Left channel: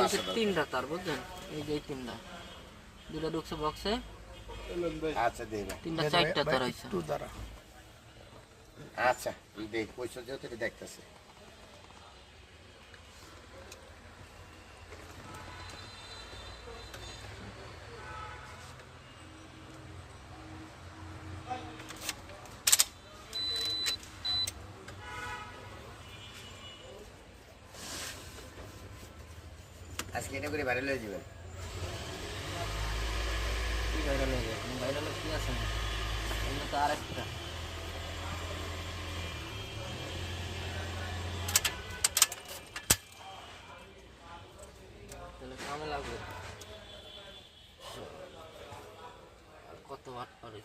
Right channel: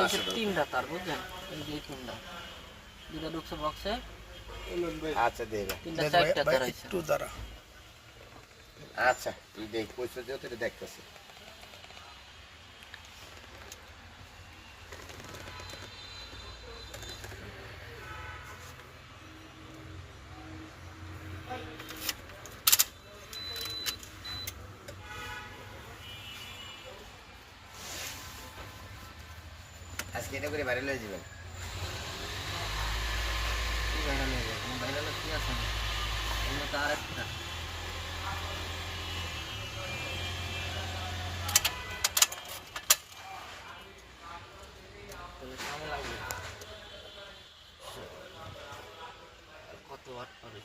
এই যে তিনটা তার বুঝলেন, এই যে এই তিনটা, দুটা ঢুকছে বক্সে, আচ্ছা দে ভাই, তিনটা চারটা তার হয়েছে। একটু দাঁড়া। আচ্ছা দেখ কইছো যেহেতু এটা দেখতেছি। আজকে এটা করে বাইরে লয়ে যাবেন। কি ভাইরাল হয়ে যায়, ভাইরাল কি আছে না, অন্য তো আরেকটা। তাহলে কামে লাগবে। আর কত ওয়াট পরে